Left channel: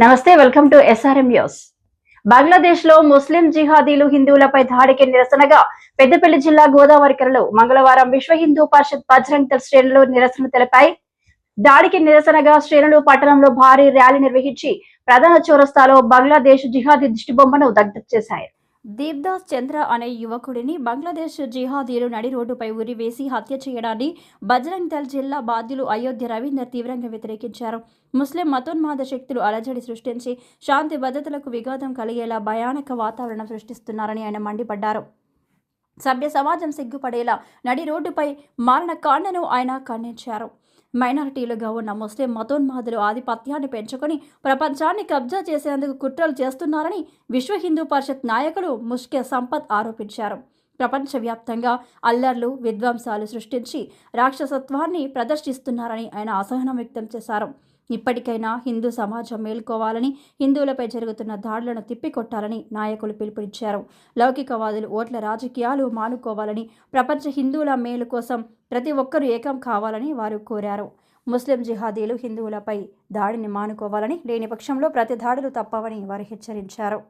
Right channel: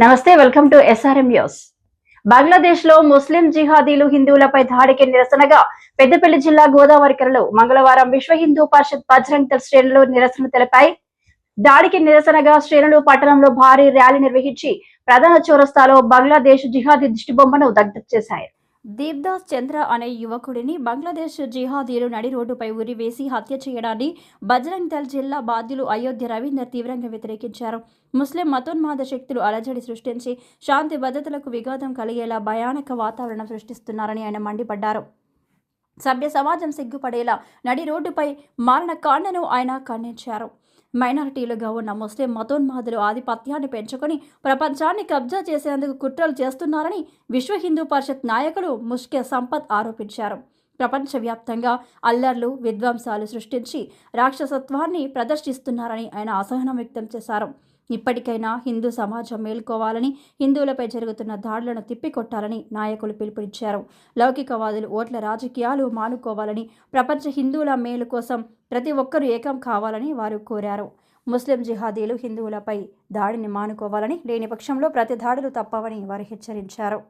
నమస్తే welcome to SRM news బంగ్లాదేశ్లో ముస్లిం జిహాదీలు హిందువులపై దాడికి నిరసనగా పెద్దపల్లి జిల్లా గోదావరికరలో మంగళవారం విశ్వ హిందూ పరిషత్ బజరంగ్ దళ శ్రేణులు నిరసన తెలిపాయి. దాడికి నిరసనగా శ్రేణులు పట్టణంలో భారీ ర్యాలీ నిర్వహించి ప్రధాన చౌరస్తాలో బంగ్లాదేశ్ జిహాదీ దిష్టిబొమ్మను దగ్ధం చేశారు దీప్దాస్ చంద్ర అనే యువకుడిని బంగ్లాదేశ్ జిహాదీలు నడి రోడ్డుపై ఉరివేసి హత్య చేయడాన్ని బజరంగ్ దళ్ జిల్లా బాధ్యులు అయోధ్య రవీందర్ తీవ్రంగా వ్యతిరేకించారు. ముస్లిం మతోన్మాద శక్తులు అలజడి సృష్టించి శాంతి భద్రతలకు విఘాతం కలిగేలా భయానక వాతావరణం సృష్టిస్తున్నారని ఆయన మండిపడ్డారు. సభ్య సమాజం సిగ్గుపడేలా నడి రోడ్డుపై మారణ కాండను ఆయన ఖండించారు. మైనారిటీలుగా ఉన్న ముస్లిం మతోన్మాదులు ఆధిపత్యాన్ని పెంచుకొని ప్రపంచాన్ని కబ్జా చేసేందుకు కుట్రలు చేస్తున్నారని విశ్వ హిందూ పరిషత్ నాయకులు ముష్కే సంపత్ ఆరోపించారు. ప్రపంచవ్యాప్తంగా అల్లర్లు విధ్వంసాలు సృష్టించి రాక్షసత్వాన్ని ప్రదర్శిస్తున్నారని ఆయన అసహనం వ్యక్తం చేశారు. ఇప్పటికైనా హిందూ సమాజం మేల్కోవాలని హిందువులపై జరుగుతున్న దాడులను తిప్పికొట్టాలని నాయకులు పిలుపునిచ్చారు. లౌకికవాదులు ఓట్ల రాజకీయాలు మానుకోవాలని ప్రపంచ హిందువుల మేలు కోసం ప్రతి ఒక్కరూ ఏకం కావాలని వారు కోరారు. ముస్లిం జిహాదీలు హిందువులపై దాడిని మానుకోవాలని లేని పక్షంలో ప్రతి దాడులు తప్పవని వారు హెచ్చరించారు.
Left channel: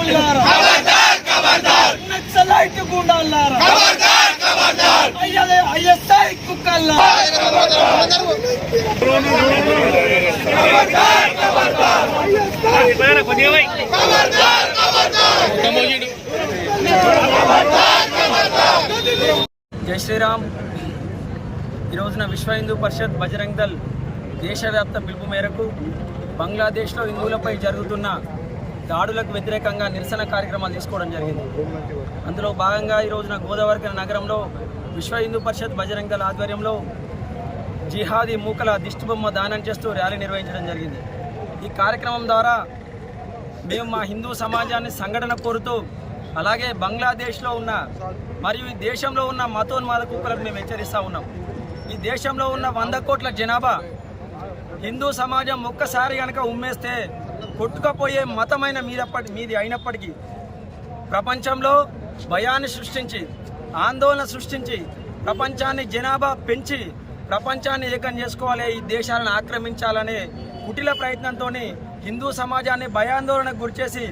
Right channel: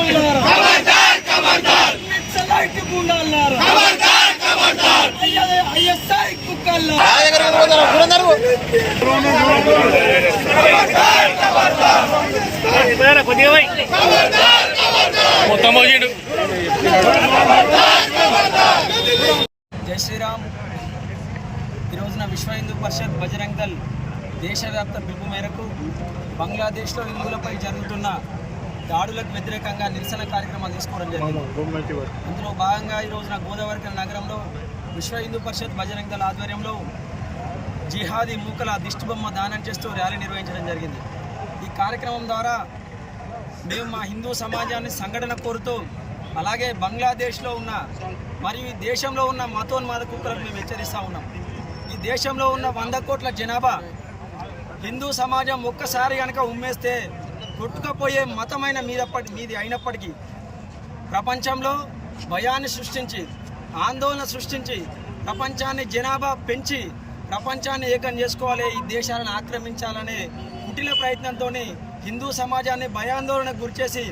ఉగ్రవాద శక్తుల్లారు నక్సలైట్ గుండాలారు? ఐఎస్ఐ కుక్కల్లారు మొత్తం పోయిండు జై శ్రీరామ్. ఈ రోజున విశ్వ హిందూ పరిషత్ బజరంగ్ దళ్ దేశవ్యాప్త పిలుపు మేరకు బంగ్లాదేశ్లో హిందువులపై జరుగుతున్న దాడులకు వ్యతిరేకంగా నిరసన కార్యక్రమాలు తీసుకోవడం జరిగింది. అందులో భాగంగా ఈ రోజున గోదావరి నగరంలో విశ్వ హిందూ పరిషత్ బజరంగ్ దళ్ ఆధ్వర్యంలో జిహాదీ మూకల దిష్టిబొమ్మ దానం చేస్తూ ర్యాలీ నిర్వహించడం జరిగింది. ఈ కార్యక్రమం ద్వారా మేము మా హిందూ సమాజాన్ని సంఘటన కోరుతూ అలాగే బంగ్లాదేశ్లో ఉన్న మరియు ఈ దేశంలో ఉన్న మతోన్మాద కుక్కలకు మేము హెచ్చరిస్తూ ఉన్నాం. ఈ దేశంలో ఉన్న వంద కోట్ల జనాభా హిందూ సమాజం ఒక్కసారి కనుక ఉమ్మేస్తే కొట్టుకపోయే మతమైన మీదప్పటి మీది అయినప్పటికీ ప్రపంచంలో భయాన్ని సృష్టించి ఆందోళన సృష్టించి ప్రపంచాన్ని జనాభా పెంచి ప్రపంచాన్ని ఏకం చేసుకోవాలి ఈ దేశాలను ఆక్రమించాలనే కుటిల ప్రయత్నంతో హిందూ సమాజాన్ని భయాందోళనకు గురిచేసి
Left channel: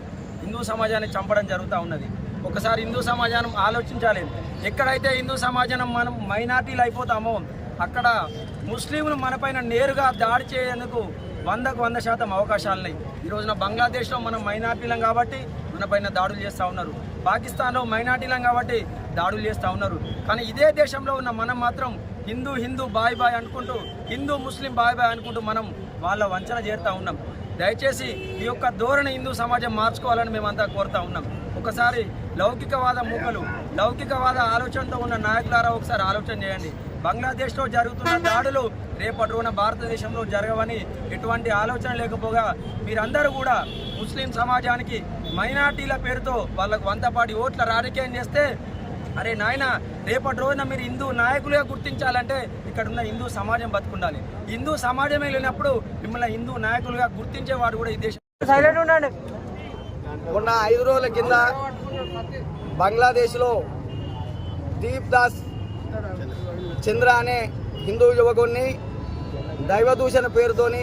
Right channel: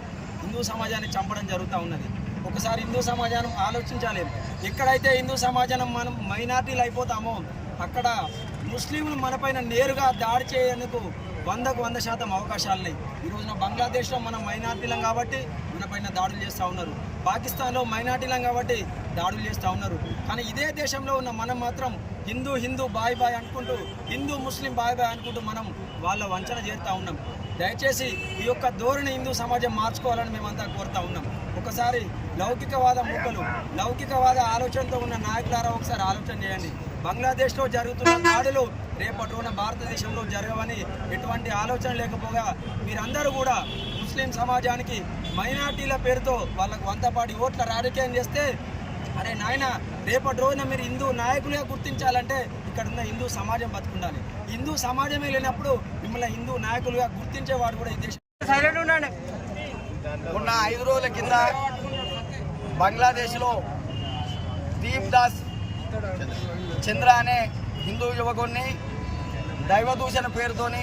హిందూ సమాజాన్ని చంపడం జరుగుతూ ఉన్నది. ఒకసారి హిందూ సమాజాన్ని ఆలోచించాలి. ఎక్కడైతే హిందూ సమాజం మనం మైనార్టీలు అయిపోతామో అక్కడ ముస్లింలు మనపైన నేరుగా దాడి చేయేందుకు వందకు వంద శాతం అవకాశాలు ఉన్నాయి. ఈ రోజున బంగ్లాదేశ్లో మనం మైనార్టీలం కాబట్టి మనపైన దాడులు చేస్తూ ఉన్నారు. పాకిస్తాన్లో మైనార్టీలం కాబట్టి దాడులు చేస్తూ ఉన్నారు. కానీ ఇదే దేశంలో ఉన్న మనం మాత్రం హిందూ హిందూ బాయ్ బాయ్ అనుకుంటూ హిందూ ముస్లిం బాయ్ బాయ్ అనుకుంటూ మనం వాళ్ళ వంచన చేరుతూ ఉన్నాం. దయచేసి ఈ యొక్క ధోరణి హిందూ సమాజం మార్చుకోవాలని మేమంతా కోరుతా ఉన్నాం. ఒకసారి లౌకికవాద మూకలు లౌకికవాద ఆలోచనతో ఉన్న నాయకులారా ఒకసారి ఆలోచన చేయండి. బంగ్లాదేశ్లో జరుగుతున్న దాడులు రేపటి రోజున భారతదేశంలో జరగవని ఎటువంటి ఆలోచన లేకపోగా మీరందరూ కూడా ముస్లిం సమాజానికి మైనార్టీల పేరుతో వాళ్ళకు వంతపాటి ఓట్ల రాజకీయం చేస్తే అరే నాయన రేపటి రోజున మీరు హిందూ నాయకులుగా గుర్తించాలంటే ఇక్కడ ఉన్న హిందూ సమాజం బతుకుండాలి. హిందూ సమాజమే లేనప్పుడు మిమ్మల్ని హిందూ నాయకులుగా గుర్తించేవాడు కూడా ఈ దేశం. సైలెంట్ ఉండండి. మొన్న ఐదు రోజుల కింద బంగ్లాదేశ్లో దీప్ దాస్ చంద్ర అనే హిందూ యువకుడిని దైవదూషణ పేరుతోని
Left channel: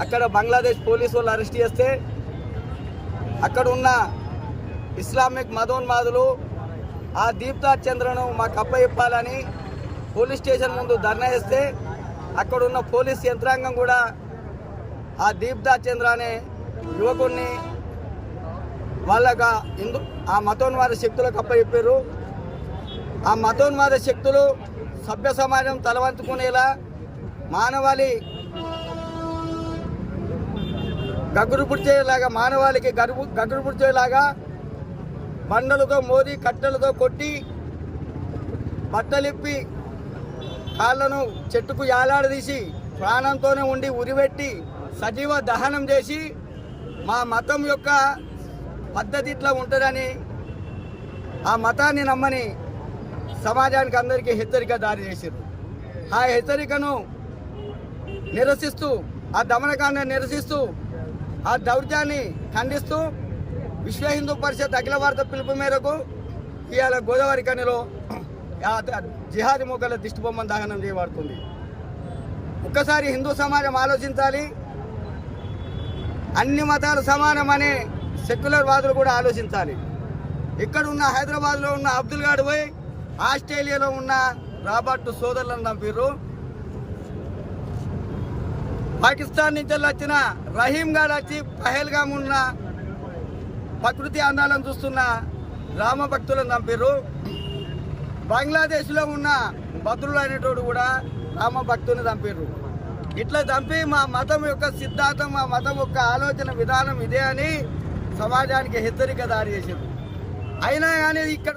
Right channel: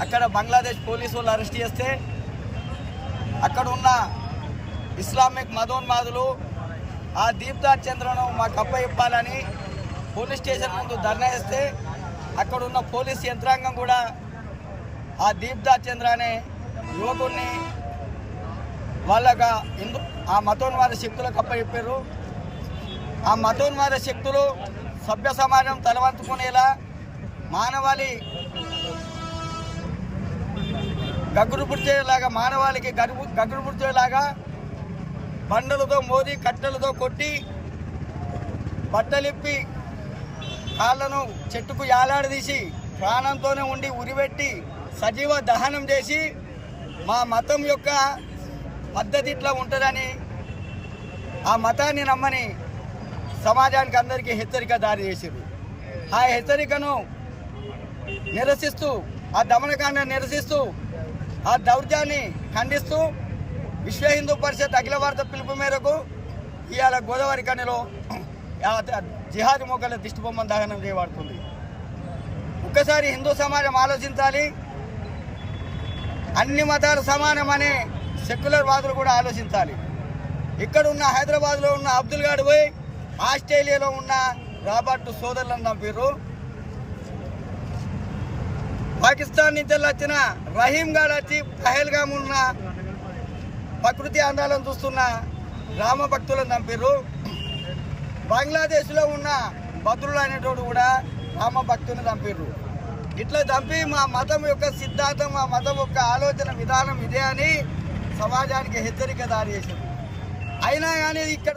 అక్కడ బంగ్లాదేశ్ పోలీసు వాళ్ళు అరెస్ట్ చేస్తే అక్కడ ఉన్న ఇస్లామిక్ మదోన్మాదులు ఆ దీప్దాస్ చంద్రను మాకు అప్పయిప్పాలని పోలీస్ స్టేషన్ ముందు ధర్నా చేస్తే అక్కడ ఉన్న పోలీస్ యంత్రాంగం కూడా ఆ దీప్దాస్ చంద్ర అనే యువకుడిని వాళ్ళక హిందూ ఆ మతోన్మాద శక్తులకు అప్పచెప్పారు. ఆ మతోన్మాద శక్తులు సభ్య సమాజం తలవంచుకునేలా మానవాళి గగ్గురు పుడిచేలాగా మానవాళికి గరువు గగ్గురు పుడిచేలాగా బండలతో మోది కట్టెలతో కొట్టి బట్టలిప్పి కాళ్ళను చెట్టుకు యాలాడదీసి ప్రాణంతోనే ఉండి ఉరిపెట్టి సజీవ దహనం చేసి మా మతం యొక్క పద్ధతి ఇట్లా ఉంటుందని ఆ మతాన్ని నమ్మని సమాజానికి అందరికీ హెచ్చరిక దారి చేసారు ఆ హెచ్చరికను నిరసిస్తూ ఆ దమనకాండ నిరసిస్తూ ఆ దౌర్జాన్ని ఖండిస్తూ విశ్వ హిందూ పరిషత్ అఖిల భారత పిలుపు మేరకు ఇవాళ గోదావరి కనిలో జిహాది ద- జిహాదీ మొక్కల దహనం చేయబడుతుంది. ఒక్కసారి హిందూ సమాజం ఆలోచించాలి. అన్ని మతాలు సమానమనే సెక్యులర్ వాదులు కూడా ఆలోచించాలి. ఇక్కడ ఉన్న హైదరాబాద్లో ఉన్న అబ్దుల్ గాడు పోయి ఆస్ట్రేలియాలో ఉన్న రాబర్ట్ సోదరులను చంపారు పాకిస్తాన్ నుంచి వచ్చిన రహీం గాడు వచ్చి పహల్గామ్ ఉన్న ప్రకృతి అందాలను చూస్తున్న రామ భక్తులను చంపారు బంగ్లాదేశ్లో ఉన్న భద్రుడు అనేటోడు కూడా రామ భక్తుని చంపారు ఇట్లా చంపి మా మతం యొక్క సిద్ధాంతం మా మతం యొక్క ఆలోచన విధానం ఇదే అని సమాజానికి హెచ్చరిక దారి చేసింది. అయినా కానీ ఇక్కడ